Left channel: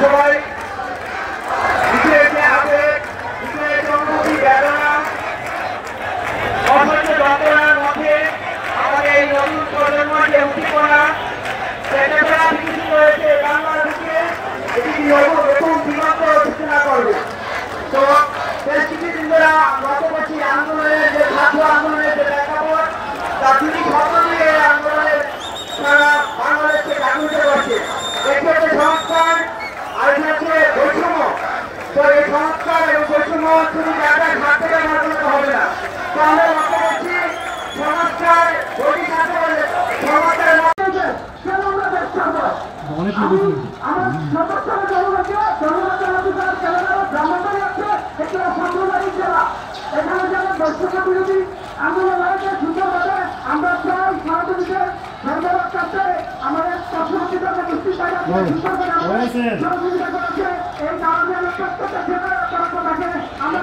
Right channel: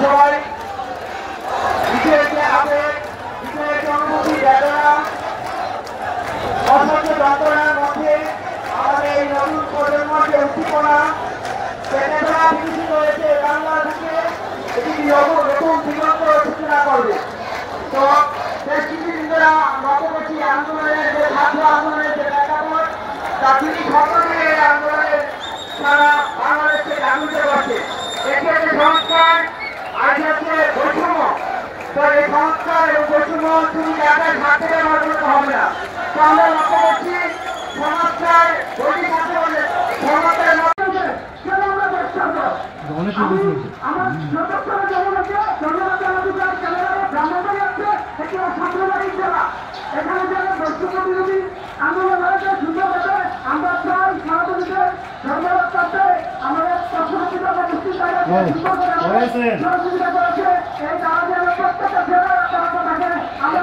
সবাই বিজেপি হাতে বিজেপি অনুভূতি বেদনা অসহ্য যন্ত্রণার মধ্যে আমাদের এই নতুন প্রজন্মকে উদ্দীপনা চেতনা সৃষ্টি করেছে বাংলাদেশে এটি নতুন দিগন্ত সূচনা করবে। তো দেশবিন্দুরা গত বছর আন্দোলনের যে ছাত্র আন্দোলনের যে প্রেক্ষাপট তা তিনি সকলকে এই আন্দোলনের সারা বাংলাদেশকে জাগৃত করছে। এটি হচ্ছে সংস্কার আর হচ্ছে বৈষম্য। তো এই সংস্কার এবং বৈষম্য শুধু জায়গায় থাকতে মাধ্যমে হবে না। তো আমরা লক্ষ্য করছি সংস্কার যদি থাকে বলে সংস্কার আমার সর্বোচ্চ জনগণকে জনগণের অধিকার জনগণের ব্রাহ্মণবাড়ি আছে একটি সাম্প্রদায়িক জেলা। এখানে যারা বৈষম্য বিরোধী আন্দোলন হয়েছে সুন্দরভাবে আমরা চাই সারা দেশে সর্বরক্ষার্থে আমাদের পশুপতিদের গোষ্ঠী সহযোগিতা করেছে এই কারণে প্রত্যেকটা জেলা থাকে আমরা